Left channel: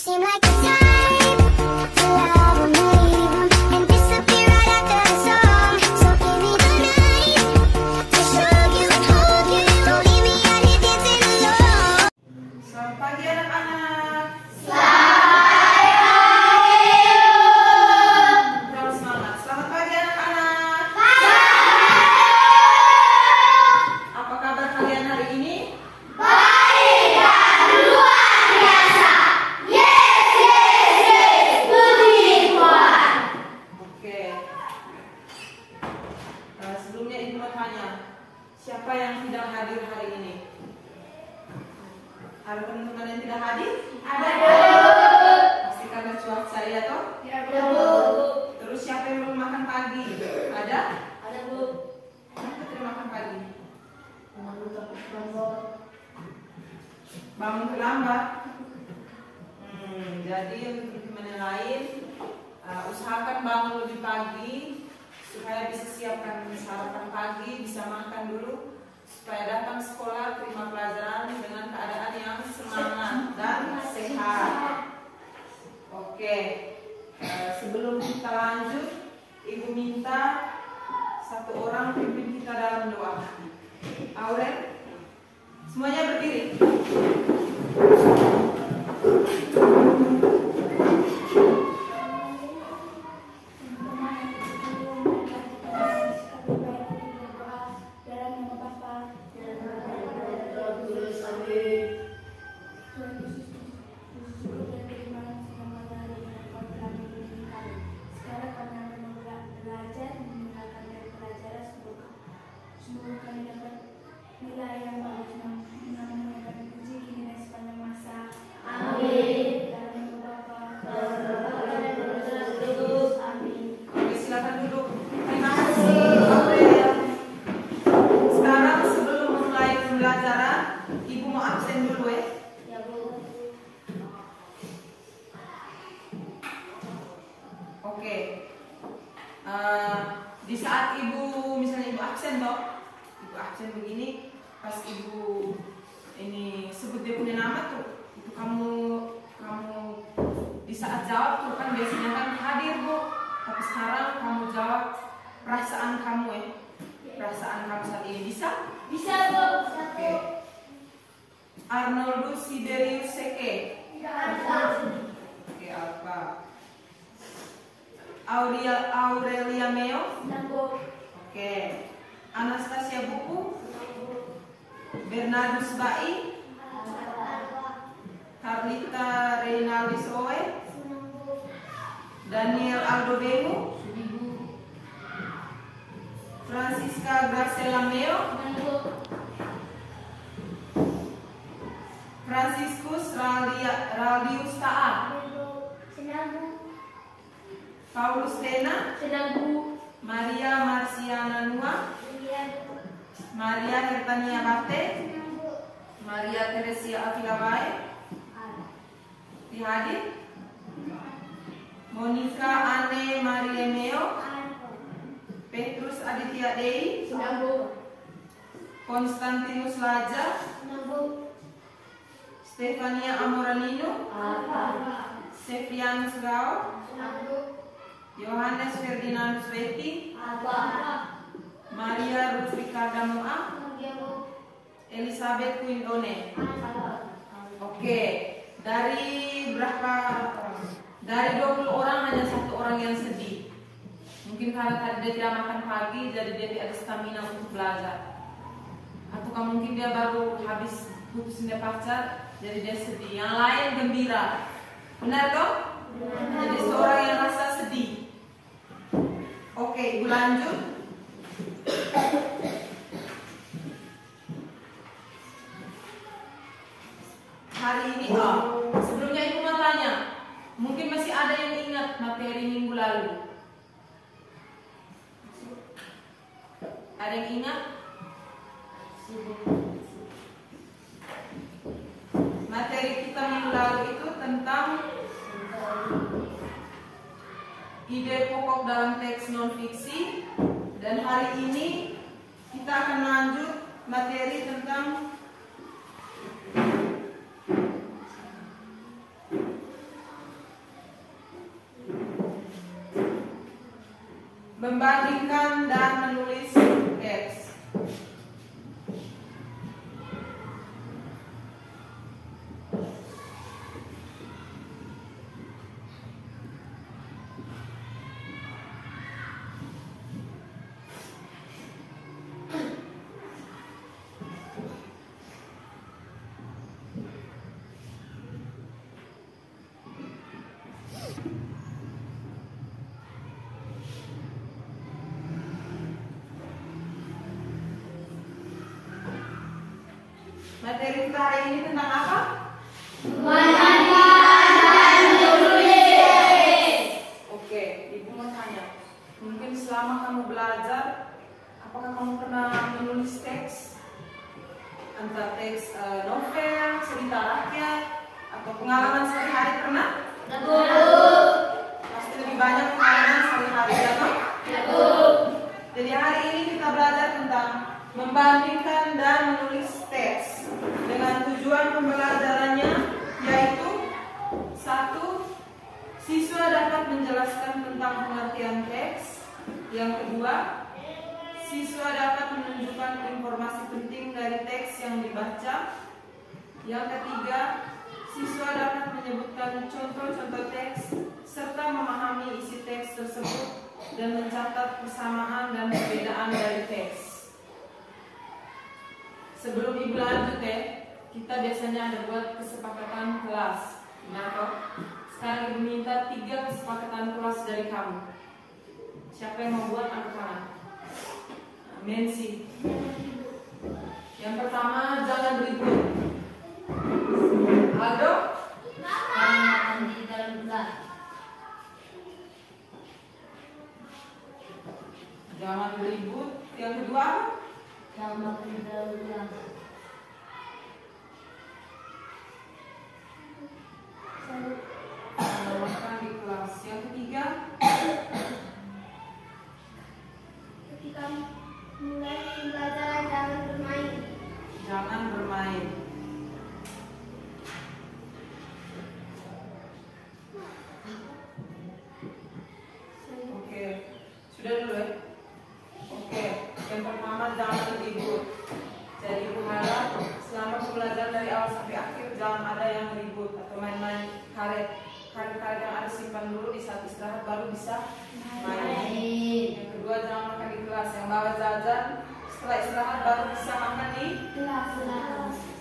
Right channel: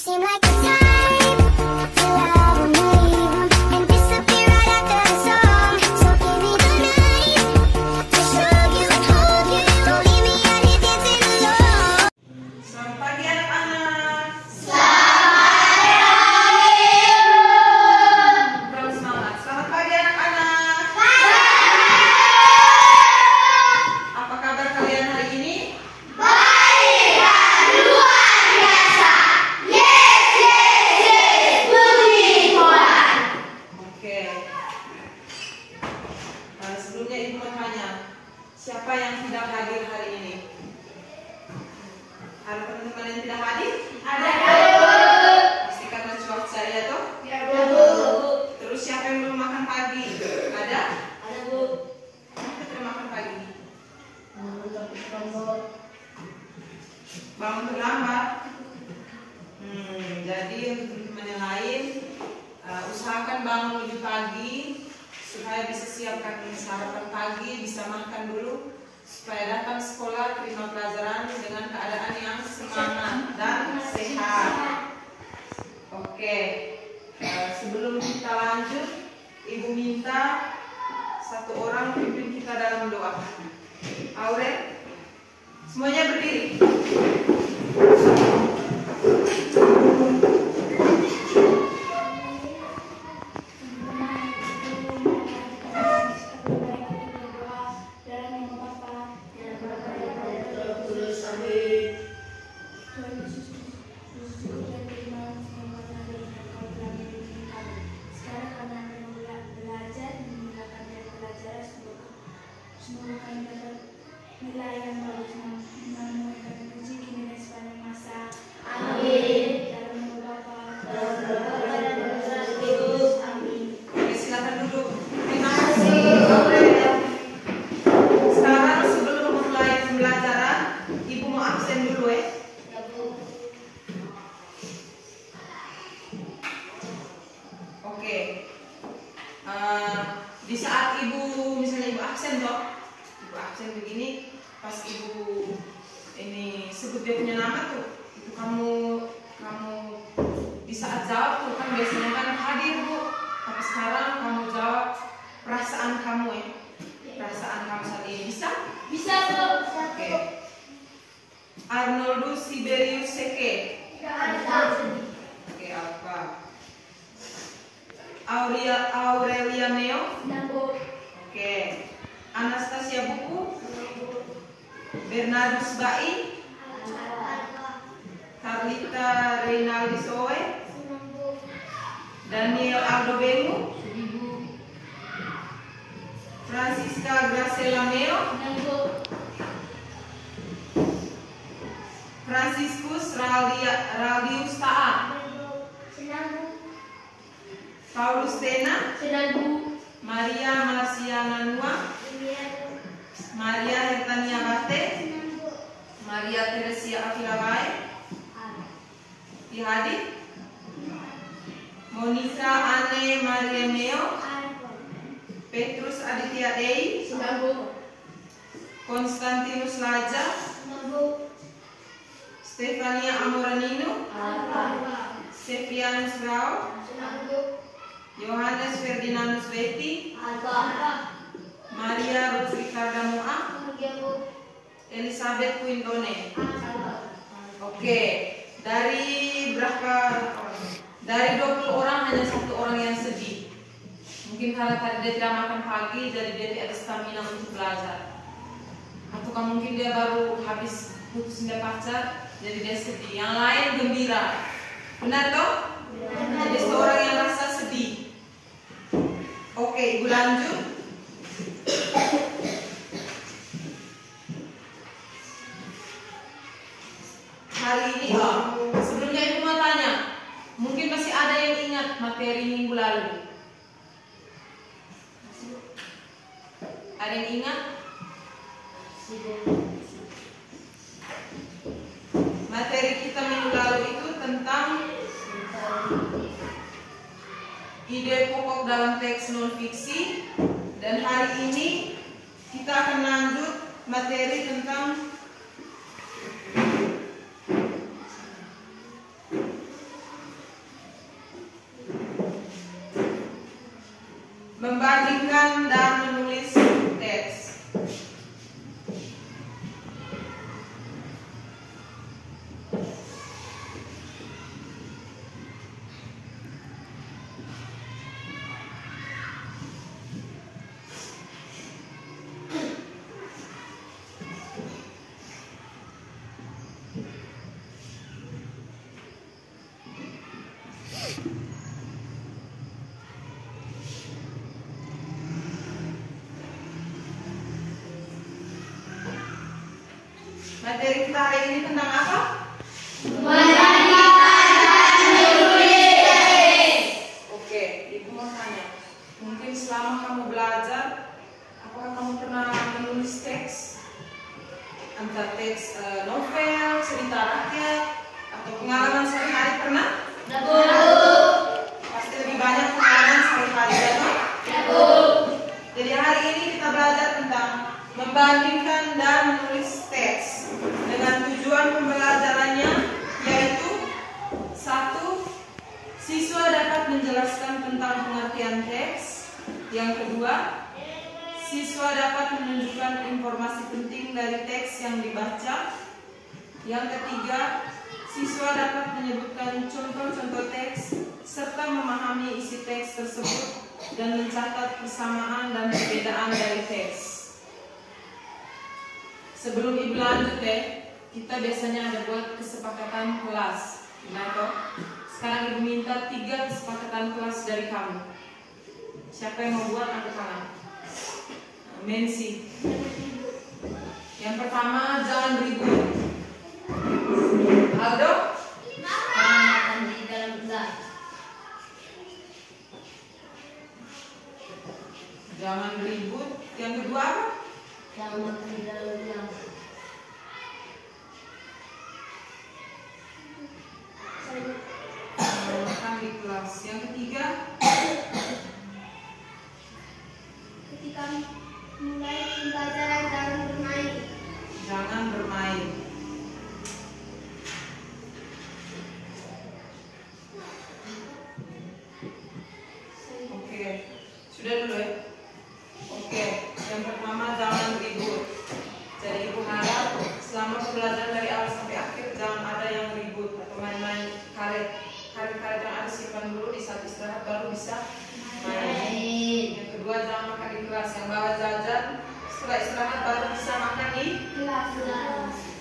seem like the type to love me and disappear right after the song. So give me the night to show you and hold you. Don't leave me out here dancing alone. Selamat pagi anak-anak. Kurang semangat. Selamat pagi anak-anak. Apa kabar kalian hari ini? Sebelumnya ibu mau tanya, siapa yang tidak hadir hari ini? Ada teman-teman yang tidak hadir? Ada. Pasti karena cuaca ya toh? Ya Bu. Terus siapa yang belum makan pagi? Ada? Ada Bu. Kenapa tidak makan pagi? Bangun terlambat. Jadi untuk teman-teman yang lain, usahakan bangun lebih pagi supaya bisa siapkan sarapan pagi, bisa makan dulu supaya datang sekolah terima pelajaran dengan keadaan yang semangat dan sehat. Oke, sebelum kita lanjut, ibu minta satu orang pimpin kita dalam doa. Aurel, semuanya berdiri. Semoga kami dapat nilai yang bagus dan menemukan puji kini dan sepanjang masa. Amin. Dalam nama Bapa dan Amin. Oke, silakan duduk. Terima kasih. Sekarang sebelum memulai pembelajaran, ibu mau absen dulu ya. Ya Bu. Oke. Di saat misalnya ibu absen toh, ibu absen begini, pas ibu ini sebut dia punya nama tuh, itu kamu di saat jawab tuh kan biasanya kan hadir Bu, tapi sekarang kamu jawab perasaan kamu ya, perasaan kamu saat ini bisa? Bisa Bu. Oke. Arnoldo Siberius Seke. Oke, apa? Aurelia Meo. Ya Bu. Oke. Anastasia Buku. Bernardus Bai. Carlita Reynaldi Soe. Daniel Aldo Bemu. Francisca Graciela Meo. Franciscus Raldius Taat. Paulus Tena. Maria Marciana Nua. Maria Hertania Bate. Maria Teresia Afilawae. Dihadir. Monica Ane Maria Meo. Petrus Aditya Dei. Konstantinus Laja. Stefania Amoranino. Sepianus Rao. Yohanes Ferdinandus Betty. Maria Ruth Ricarda Moa. Elizabeth Quindone. Oke, dari berapa orang? Dari 20 orang hanya satu orang yang sedih. Mungkin karena tadi dia tidak makan pagi, jadi dia tidak ada stamina untuk belajar. Atau mungkin dia baru habis putus dengan pacar, jadi dia sedih. Yang lain gembira. Benar toh? Jadi seorang yang rasa sedih. Oke, ibu lanjut. Hari ini, sebelumnya ibu mau tanya, mungkin masih ada yang ingat materi minggu lalu? Ada yang ingat? Materi kita minggu lalu itu tentang ide pokok dalam teks non-fiksi, dan hari ini kita akan lanjut materi tentang Materi kita hari ini tentang apa? Oke, Ibu mau tanya. Mungkin selama kamu belajar, apakah kamu pernah menulis teks? Entah teks novel, cerita rakyat, atau pengalaman sehari-hari pernah? Pasti lebih banyak pengalaman sehari-hari, ya toh? Jadi hari ini kita belajar tentang membandingkan dan menulis teks dengan tujuan pembelajarannya yaitu 1. Siswa dapat menjelaskan tentang pengertian teks. Yang kedua, siswa dapat menunjukkan informasi penting dari teks yang dibaca. Yang ketiga, siswa dapat menyebutkan contoh-contoh teks serta memahami isi teks tersebut dan mencatat persamaan dan perbedaan dari teks. Sebelum Ibu lanjut kita biasanya ada buat kesepakatan kelas. Benar toh? Sekarang Ibu minta 3 kesepakatan kelas dari kamu. Siapa yang mau buat angkat tangan? Mensi. Yang pertama, jangan ribut. Aldo? Makan di dalam kelas. Jangan ribut. Yang kedua apa? Jangan makan di dalam kelas. Makan di kelas. Yang ketiga? Ketika mulai pembelajaran jangan bermain. Jangan bermain. Oke, sudah dulu ya? Oke, yang pertama jangan ribut. Jadi Ibu harap selama pembelajaran dari awal sampai akhir jangan ada yang ribut atau main-main karet. Karet-karet yang harus simpan dulu di saat istirahat baru bisa main. Yang kedua jangan makan di kelas. Yang bawa jajan setelah istirahat baru bisa makan di Kelas.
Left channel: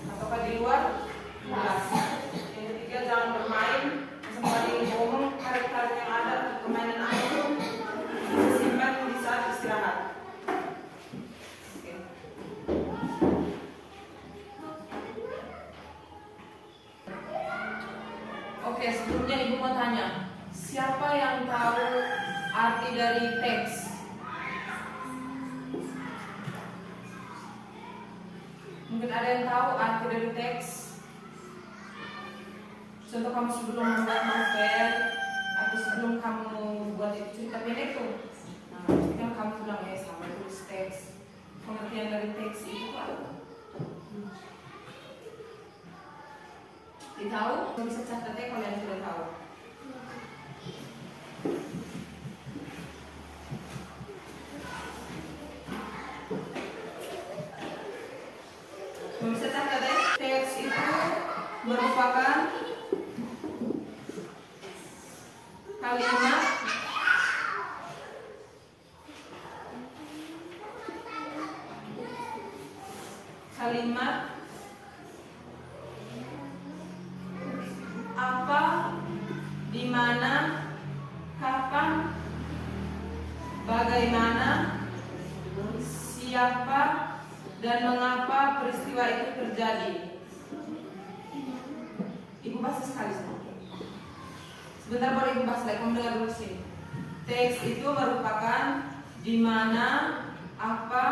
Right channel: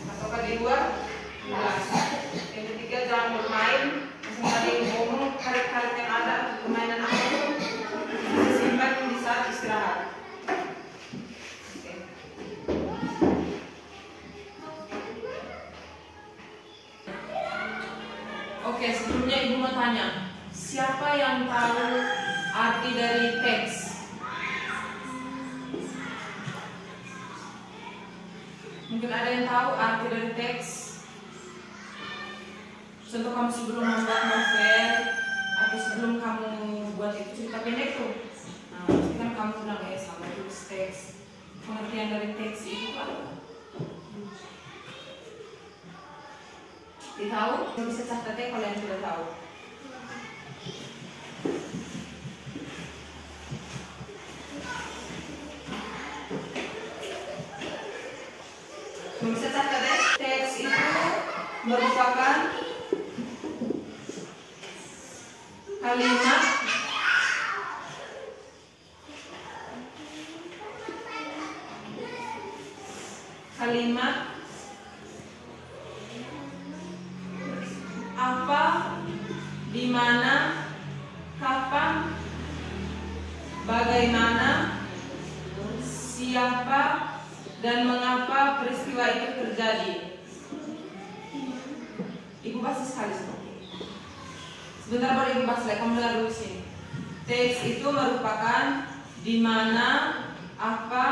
ataukah di luar kelas. Yang ketiga jangan bermain. Misal tadi ngomong karet-karet yang ada permainan apapun simpan di saat istirahat. Oke, sebelumnya Ibu mau tanya, siapa yang tahu arti dari teks? Mungkin ada yang tahu arti dari teks? Contoh kamu sebelum membuat novel atau sebelum kamu buat itu cerita pendek tuh. Nah, itu kan kamu bilang sama tulis teks. Pengertian dari teks itu apa? Tahu? Bisa catatnya kalau yang tidak tahu. Bisa catatnya. Teks itu merupakan kalimat apa, di mana, kapan, bagaimana, siapa, dan mengapa peristiwa itu terjadi. Ibu pasti sekali seperti. Sebentar baru Ibu bahas lagi, kamu dengar dulu sini. Teks itu merupakan di mana, apa,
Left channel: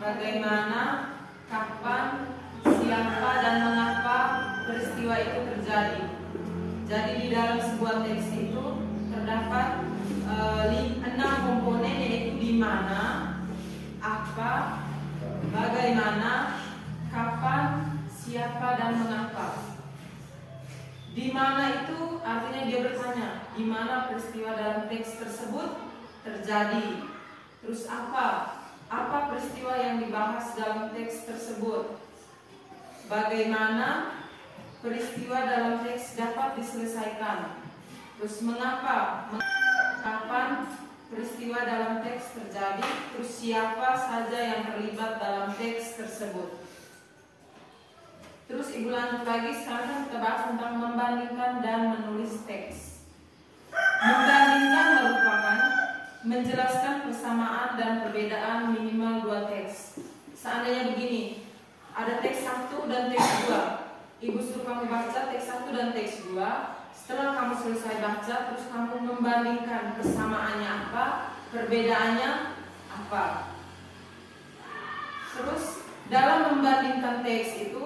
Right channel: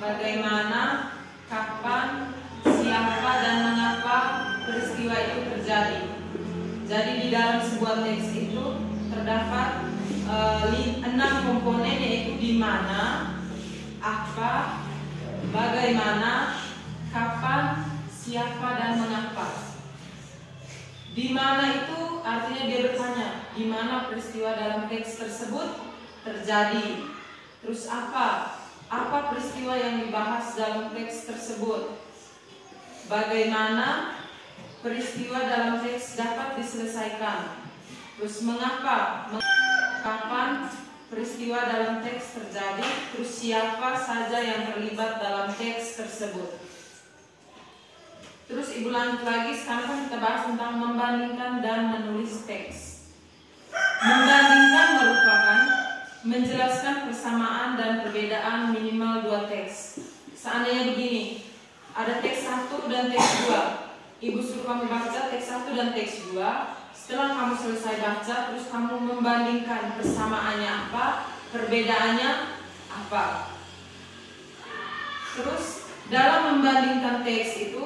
bagaimana, kapan, siapa, dan mengapa peristiwa itu terjadi. Jadi di dalam sebuah teks itu terdapat 6 komponen, yaitu di mana, apa, bagaimana, kapan, siapa, dan mengapa. Di mana itu artinya dia bertanya, di mana peristiwa dalam teks tersebut terjadi. Terus apa peristiwa yang dibahas dalam teks tersebut. Bagaimana peristiwa dalam teks dapat diselesaikan. Terus mengapa, kapan peristiwa dalam teks terjadi. Terus siapa saja yang terlibat dalam teks tersebut. Terus Ibu lanjut lagi, sekarang kita bahas tentang membandingkan dan menulis teks. Membandingkan merupakan menjelaskan persamaan dan perbedaan minimal 2 teks. Seandainya begini, ada teks 1 dan teks 2. Ibu suruh kamu baca teks 1 dan teks 2. Setelah kamu selesai baca, terus kamu membandingkan persamaannya apa, perbedaannya apa. Terus dalam membandingkan teks itu,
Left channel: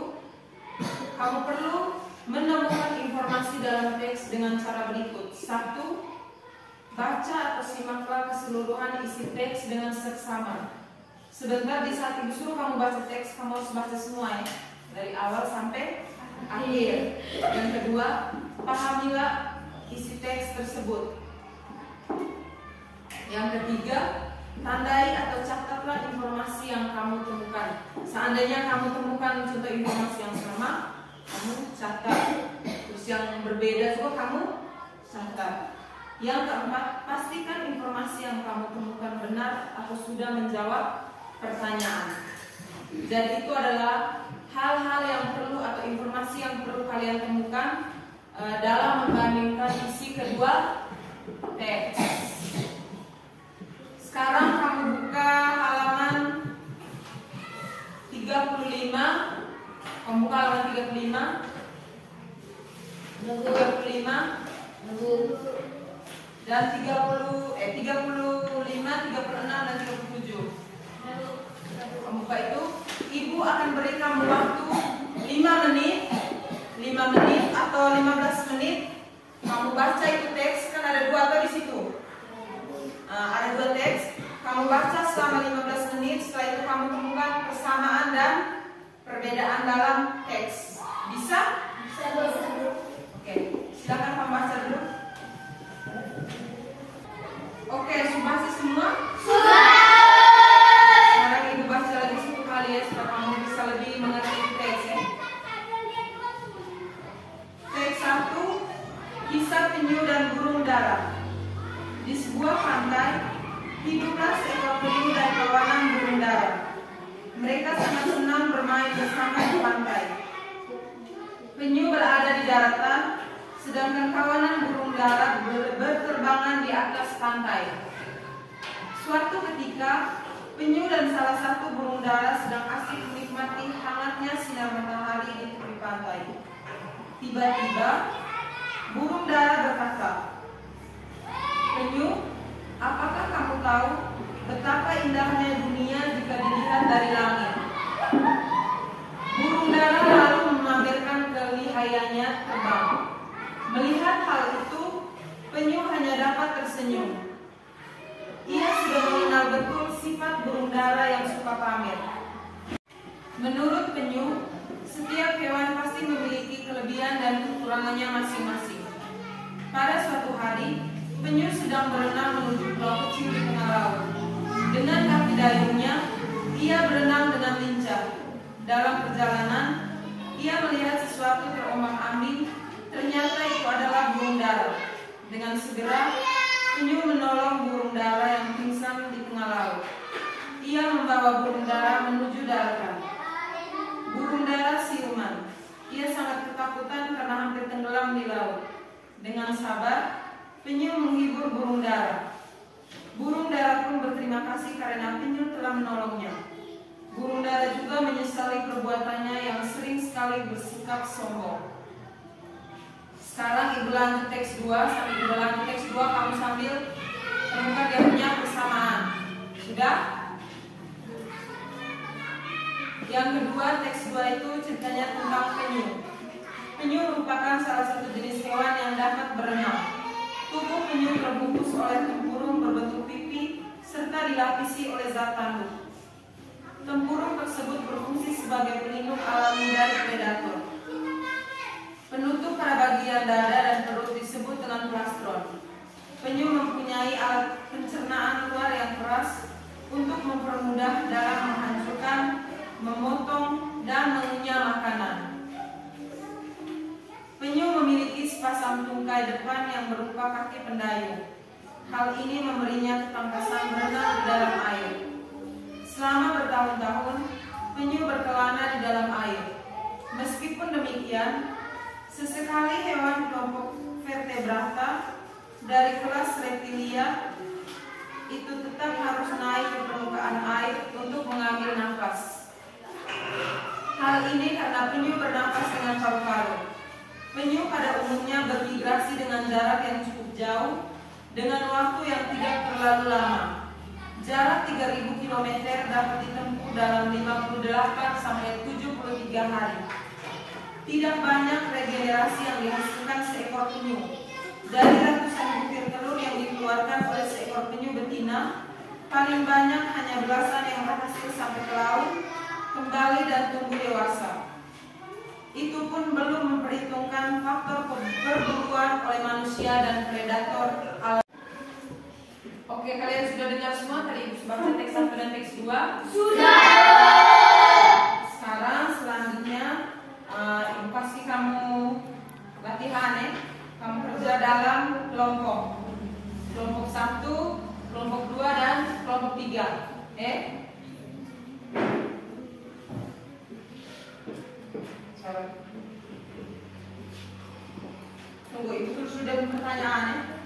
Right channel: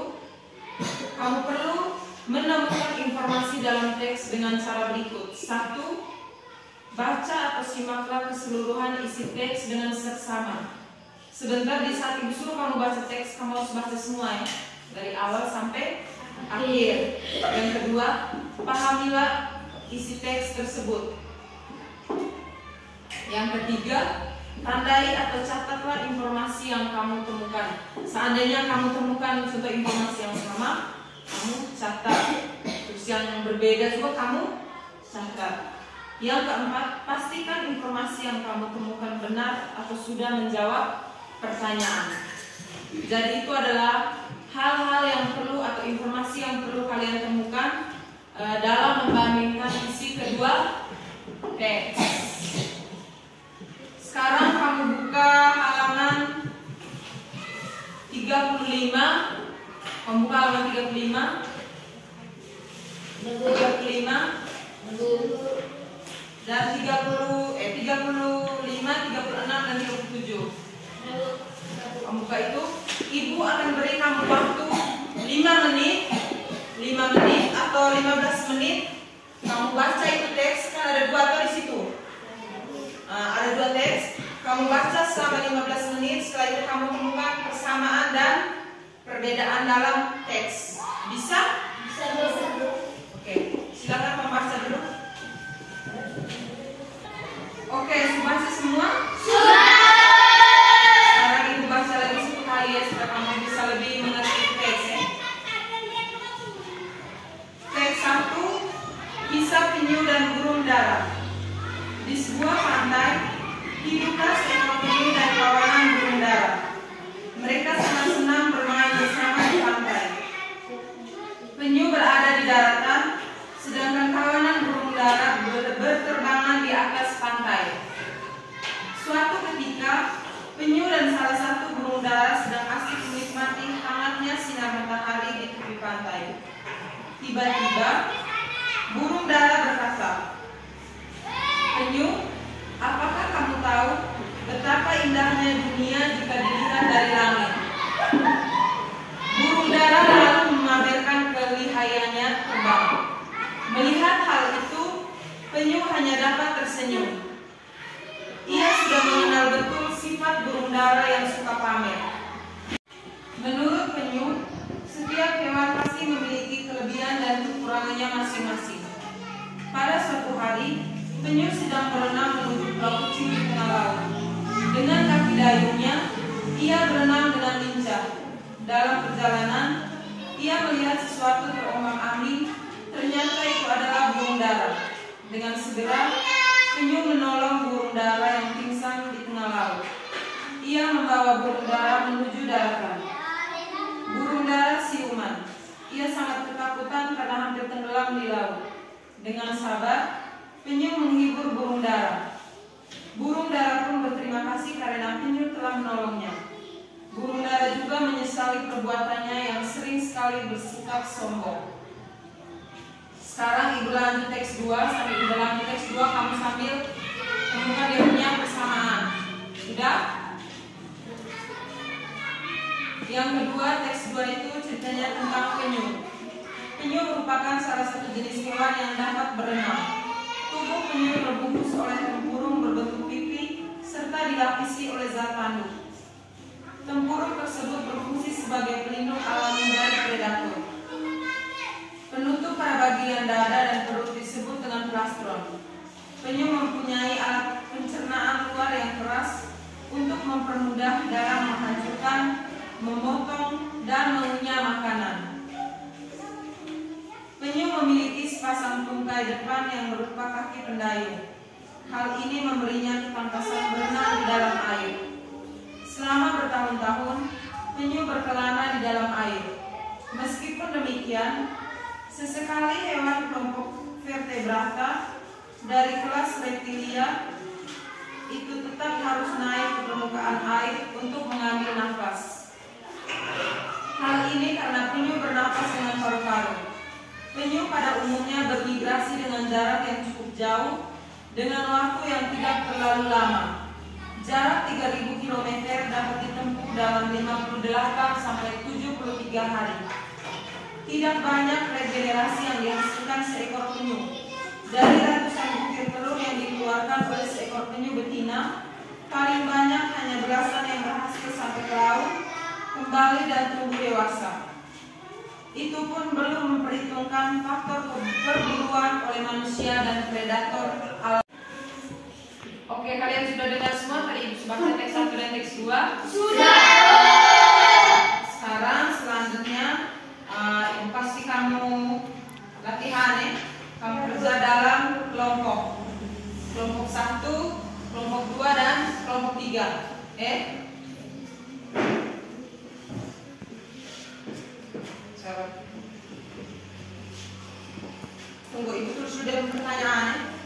kamu perlu menemukan informasi dalam teks dengan cara berikut. 1. Baca atau simaklah keseluruhan isi teks dengan seksama. Sebentar di saat ibu suruh kamu baca teks, kamu harus baca semua ya, dari awal sampai akhir. Yang kedua, pahamilah isi teks tersebut. Yang ketiga, tandai atau catatlah informasi yang kamu temukan. Seandainya kamu temukan contoh informasi yang sama, kamu catat. Terus yang berbeda juga kamu catat. Yang keempat, pastikan informasi yang kamu temukan benar atau sudah menjawab pertanyaan. Jadi itu adalah hal-hal yang perlu atau informasi yang perlu kalian temukan dalam membandingkan isi kedua teks. Sekarang kamu buka halaman 35. Kamu buka halaman 35, 35 dan 35, 36 dan 37. Kamu buka itu. Ibu akan beri kamu waktu 5 menit atau 15 menit. Kamu baca itu teks, kan ada 2 atau di situ. Ada 2 teks. Kamu baca selama 15 menit. Setelah itu kamu temukan persamaan dan perbedaan dalam teks. Bisa? Bisa. Oke, silakan membaca dulu. Oke, sudah baca semua? Sekarang ibu baca lagi 1 kali ya, supaya kamu bisa lebih mengerti teks ya. Teks 1, kisah penyu dan burung dara. Di sebuah pantai, hiduplah seekor penyu dan kawanan burung dara. Mereka sangat senang bermain bersama di pantai. Penyu berada di daratan, sedangkan kawanan burung dara berterbangan di atas pantai. Suatu ketika, penyu dan salah satu burung dara sedang asik menikmati hangatnya sinar matahari di tepi pantai. Tiba-tiba, burung dara berkata, "Penyu, apakah kamu tahu betapa indahnya dunia jika dilihat dari langit?" Burung dara lalu memamerkan kelihayannya terbang. Melihat hal itu, penyu hanya dapat tersenyum. Ia sudah mengenal betul sifat burung dara yang suka pamer. Menurut penyu, setiap hewan pasti memiliki kelebihan dan kekurangannya masing-masing. Pada suatu hari, penyu sedang berenang menuju pulau kecil di tengah laut. Dengan kaki dayungnya, ia berenang dengan lincah. Dalam perjalanan, ia melihat sesuatu terombang-ambing. Ternyata itu adalah burung dara. Dengan segera, penyu menolong burung dara yang pingsan di tengah laut. Ia membawa burung dara menuju daratan. Burung dara siuman. Ia sangat ketakutan karena hampir tenggelam di laut. Dengan sabar, penyu menghibur burung dara. Burung dara pun berterima kasih karena penyu telah menolongnya. Burung dara juga menyesali perbuatannya yang sering sekali bersikap sombong. Sekarang ibu lanjut teks 2. Sambil ibu lanjut teks 2, kamu sambil temukan dia punya persamaan. Sudah? Yang kedua, teks 2 itu ceritanya tentang penyu. Penyu merupakan salah satu jenis hewan yang dapat berenang. Tubuh penyu terbungkus oleh tempurung berbentuk pipi serta dilapisi oleh zat tanduk. Tempurung tersebut berfungsi sebagai pelindung alami dari predator. Penutup pada bagian dada dan perut disebut dengan plastron. Penyu mempunyai alat pencernaan luar yang keras untuk mempermudah dalam menghancurkan, memotong, dan mengunyah makanan. Penyu memiliki sepasang tungkai depan yang berupa kaki pendayung. Hal ini memberinya ketangkasan berenang di dalam air. Selama bertahun-tahun, penyu berkelana di dalam air. Meskipun demikian, sesekali hewan kelompok vertebrata dari kelas reptilia itu tetap harus naik ke permukaan air untuk mengambil nafas. Hal ini karena penyu bernapas dengan paru-paru. Penyu pada umumnya bermigrasi dengan jarak yang cukup jauh dengan waktu yang tidak terlalu lama. Jarak 3.000 km dapat ditempuh dalam 58 sampai 73 hari. Tidak banyak regenerasi yang dihasilkan seekor penyu. Dari ratusan butir telur yang dikeluarkan oleh seekor penyu betina, paling banyak hanya belasan yang berhasil sampai ke laut, kembali dan tumbuh dewasa. Itu pun belum memperhitungkan faktor perburuan oleh manusia dan predator alam. Oke, kalian sudah dengar semua tadi Ibu baca teks 1 dan teks 2? Sudah. Sekarang selanjutnya Ibu pasti kamu latihan ya. Kamu kerja dalam kelompok. Kelompok 1, kelompok 2 dan kelompok 3. Tunggu, Ibu sudah pertanyaannya.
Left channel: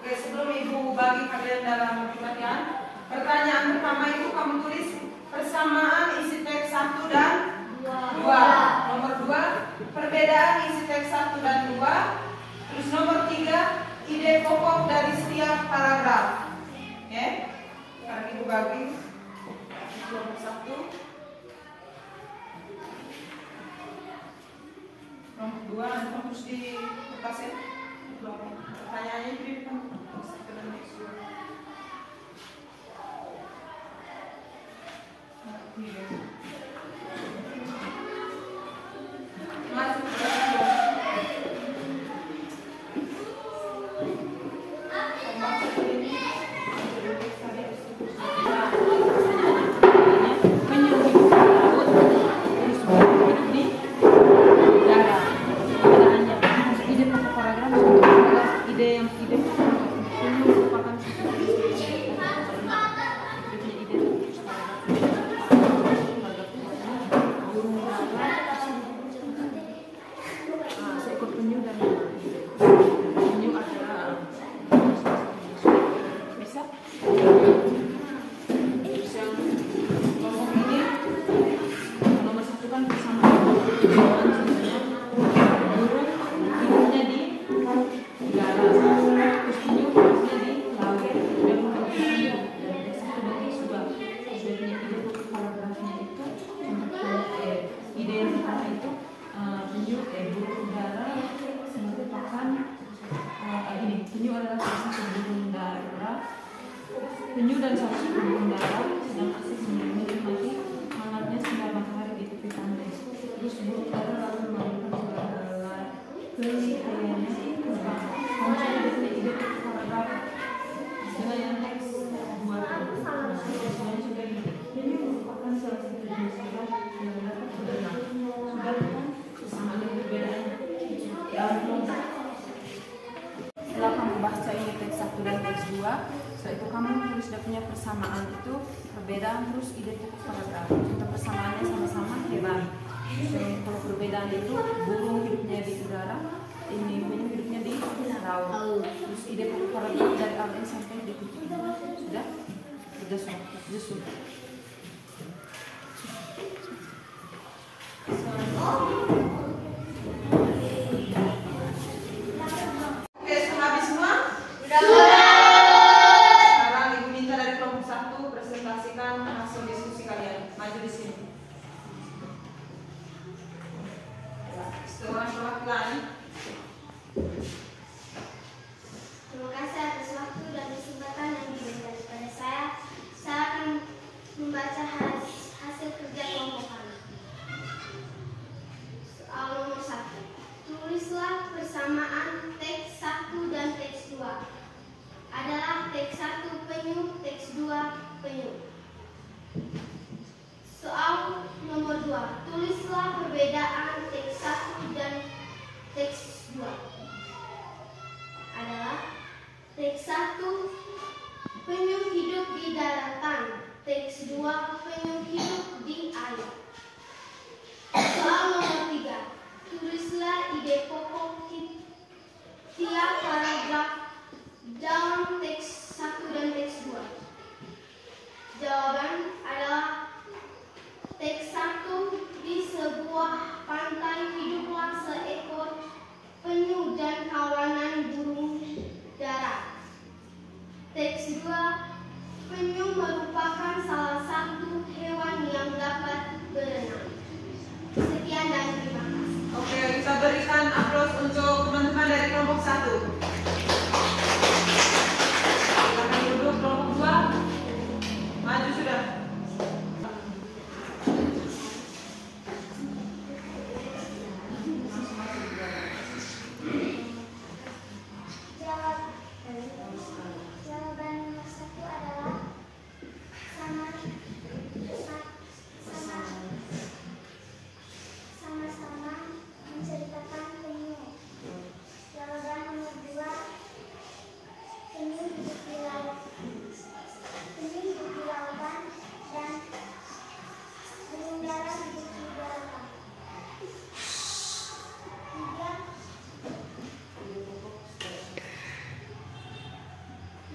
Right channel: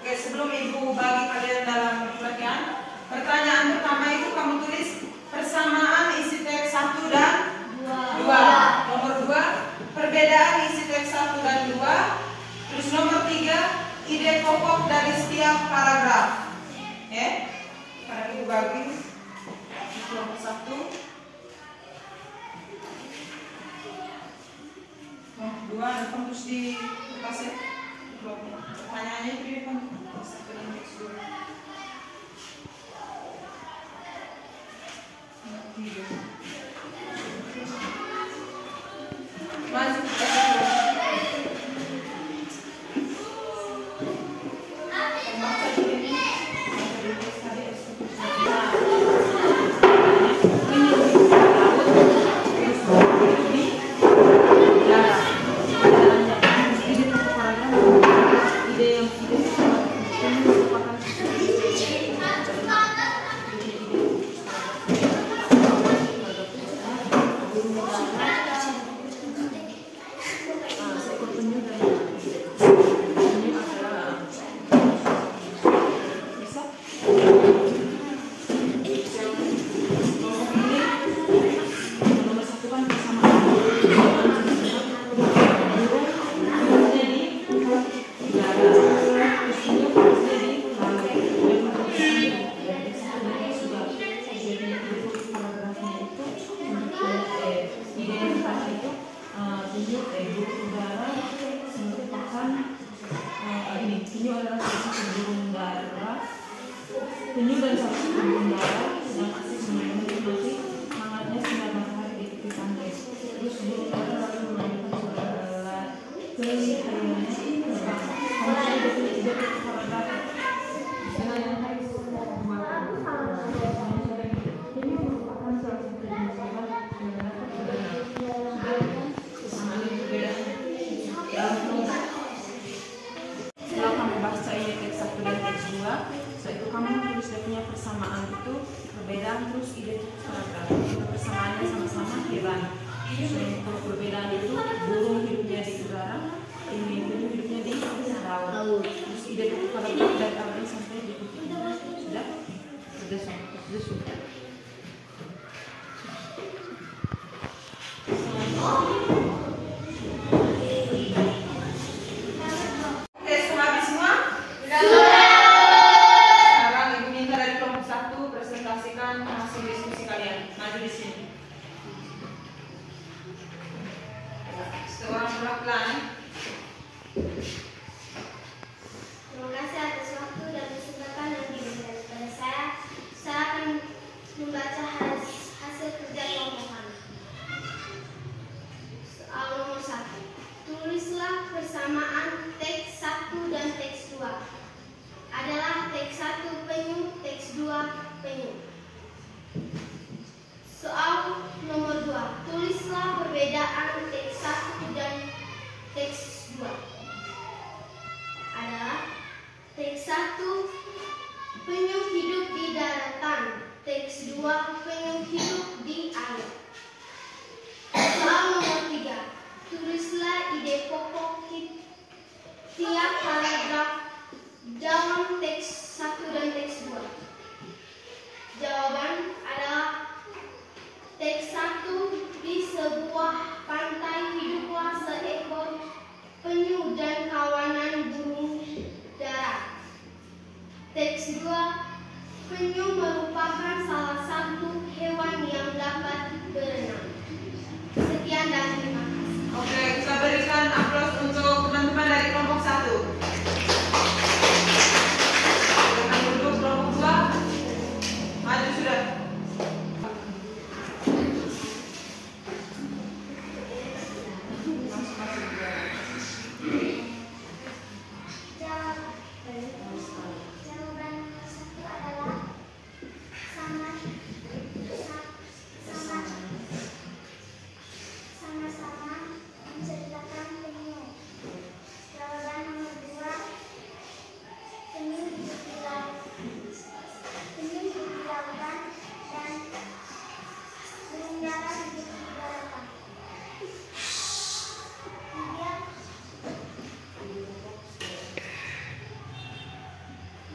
Oke, sebelum Ibu bagi kalian dalam pengertian, pertanyaan pertama itu kamu tulis persamaan isi teks 1 dan 2. Nomor 2, perbedaan isi teks 1 dan 2. Terus nomor 3, ide pokok dari setiap paragraf. Sekarang Ibu bagi kelompok 1. Kelompok 2, terus di kertas ya. Pertanyaannya itu di depan. Masuk ke penyu dan sapi burung dara yang asik menikmati hangatnya sinar matahari di tepi pantai. Terus burung dara lalu memainkan suara kelihayannya terbang. Kamu sudah punya ide paragraf dengan yang teks 2. Penyu merupakan salah satu jenis hewan yang dapat berenang. Sudah kesamaan yang berbeda dalam kelompok. Setelah kamu baca ini teks 1 dan teks 2, setelah itu kamu tulis dia punya persamaan itu, perbedaan, terus ide pokok paragraf. Persamaannya sama-sama hewan. Kalau perbedaan itu burung hidupnya di udara, ini penyu hidupnya di laut. Terus ide pokok paragraf dari awal sampai di titik. Sudah? Sudah. Hasil diskusi kalian. Ulani. Terima kasih atas waktu dan kesempatan yang diberikan kepada saya. Saya akan membaca hasil kerja kelompok kami. Soal nomor 1. Tulislah persamaan teks 1 dan teks 2. Adalah teks 1 penyuh, teks 2 penyuh. Soal nomor 2. Tulislah perbedaan teks 1 dan teks 2. Adalah teks 1 penyuh hidup di daratan, teks 2 penyuh hidup di air. Soal nomor 3. Tulislah ide pokok tiap paragraf dalam teks 1 dan teks 2. Jawaban adalah teks 1. Di sebuah pantai hiduplah seekor penyu dan kawanan burung dara. Teks 2. Penyu merupakan salah satu hewan yang dapat berenang. Sekian dan terima kasih. Oke, kita berikan aplaus untuk teman-teman dari kelompok 1. Silakan duduk kelompok 2. Maju sudah. Jawaban nomor 1 adalah sama-sama menceritakan penyu. Jawaban nomor 2, penyu hidup di lautan dan burung dara hidup di daratan. 3.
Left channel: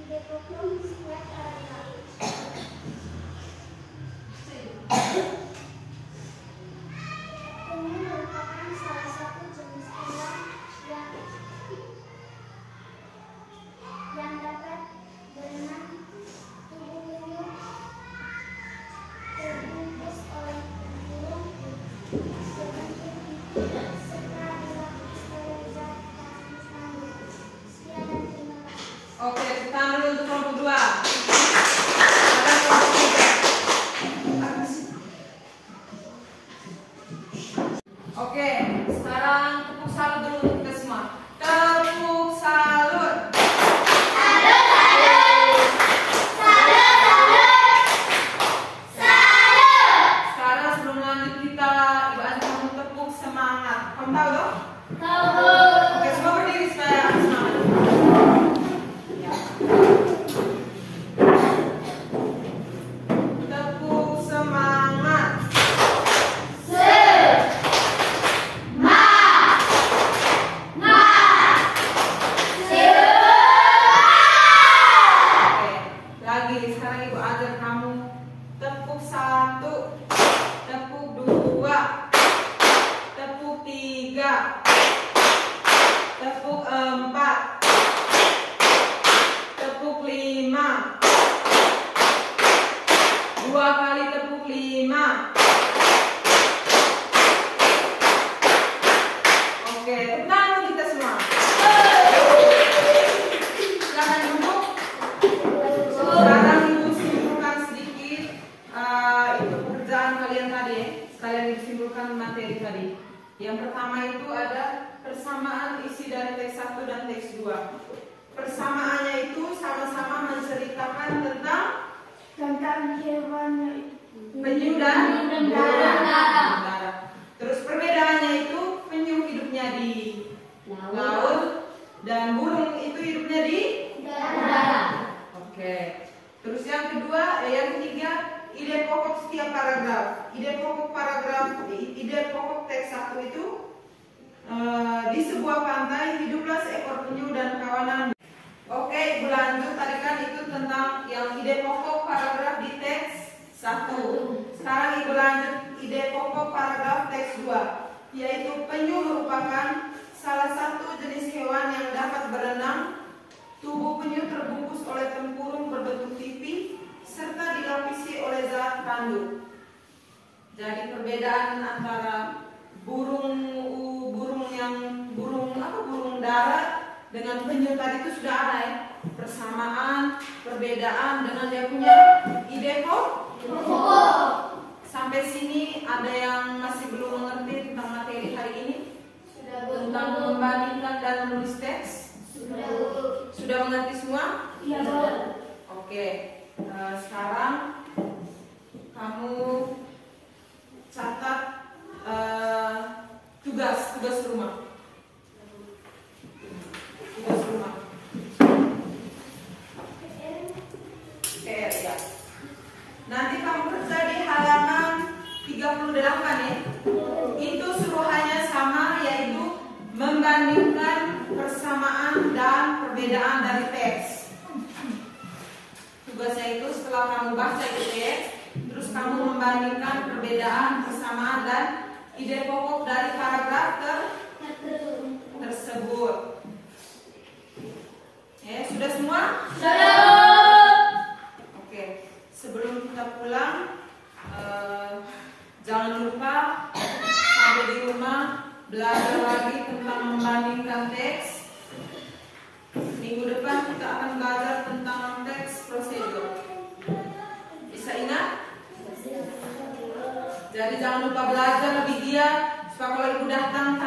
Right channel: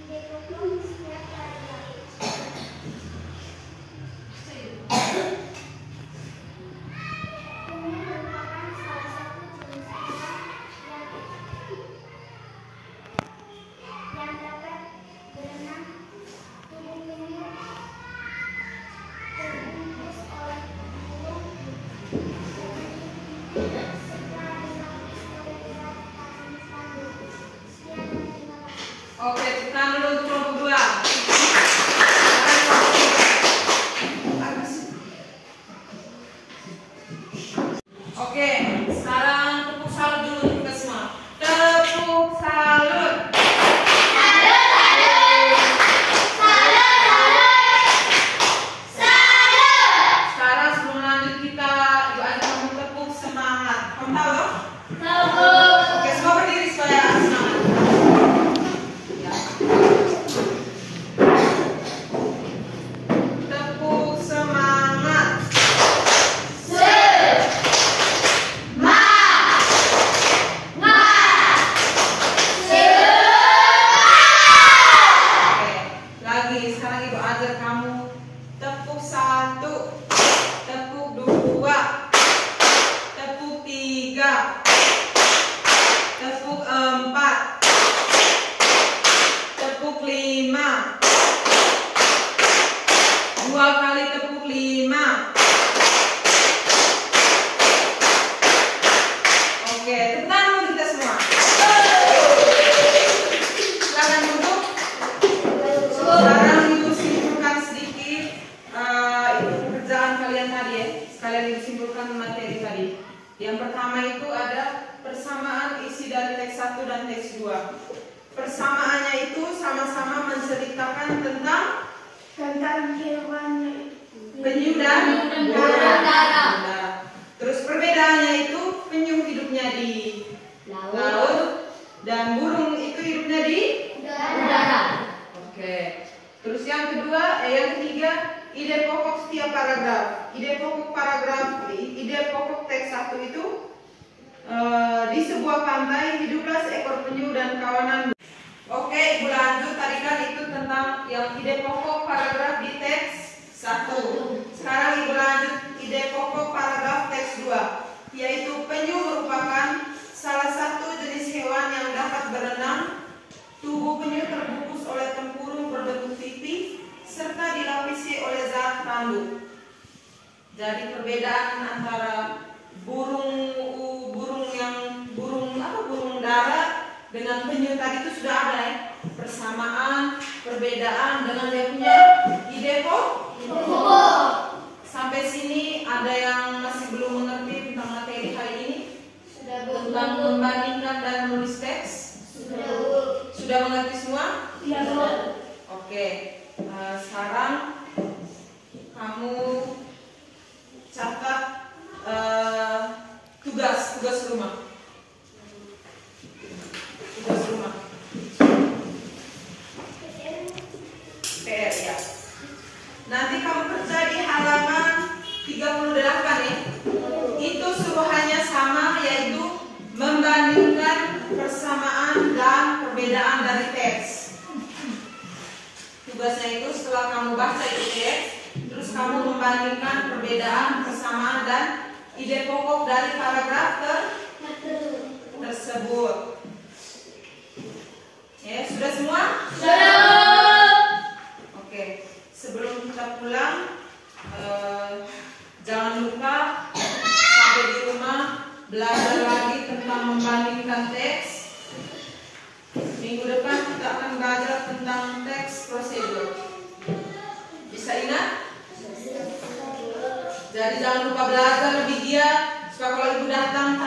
Ide pokok setiap paragraf. Penyu merupakan salah satu jenis hewan yang dapat berenang. Tubuh penyu terbungkus oleh burung serta dilapis oleh zat tahan kandung. Sekian dan terima kasih. Oke, tekan dulu untuk kelompok 2. Oke, sekarang tepuk salut dulu untuk kita semua. Tepuk salut. Sekarang sebelum lanjut kita diajak tepuk semangat. Kamu tahu loh? Oke, semua berdiri supaya semangat. Tepuk semangat. Oke, lagi sekarang ibu ajar kamu tepuk 1, tepuk 2, tepuk 3, tepuk 4, tepuk 5, 2 kali tepuk 5. Oke, tepuk tangan kita semua. Silakan duduk. Sekarang ibu simpulkan sedikit itu pekerjaan kalian tadi ya. Sekalian ibu simpulkan materi tadi. Yang pertama itu ada persamaan isi dari teks 1 dan teks 2. Persamaannya itu sama-sama menceritakan tentang hewan penyu dan darat. Terus perbedaannya itu penyu hidupnya di laut dan burung itu hidupnya di Darat. Oke. Terus yang ketiga, ide pokok setiap paragraf. Ide pokok teks 1 itu di sebuah pantai hiduplah seekor penyu dan kawanan. Oke, ibu lanjut. Tadi kan itu tentang yang ide pokok paragraf di teks 1. Sekarang ibu lanjut ide pokok paragraf teks 2, yaitu penyu merupakan salah satu jenis hewan yang dapat berenang. Tubuh penyu terbungkus oleh tempurung berbentuk pipi serta dilapisi oleh zat kandung. Jadi perbedaan antara burung yang dengan penyu tadi itu sudah ada ya. Persamaan, perbedaan dengan dia punya ide kok. Sampai sini ada yang masih belum mengerti tentang materi hari ini? Tentang membandingkan dan menulis teks? Sudah mengerti semua? Oke. Sekarang kamu catat tugas rumah. Tugas rumah. PR ya. Nanti kamu kerja di halaman 38 ya. Itu suruhannya sama, yaitu membandingkan persamaan dan perbedaan dari teks. Tugasnya itu setelah kamu baca itu teks, terus kamu membandingkan perbedaan, persamaan dan ide pokok dari paragraf tersebut. Ya, sudah semua? Oke, sebelum kita pulang, jangan lupa sampai di rumah belajar lagi tentang membandingkan teks. Minggu depan kita akan belajar tentang teks prosedur. Bisa ingat? Jadi jangan lupa belajar lebih giat supaya kalau ibu datang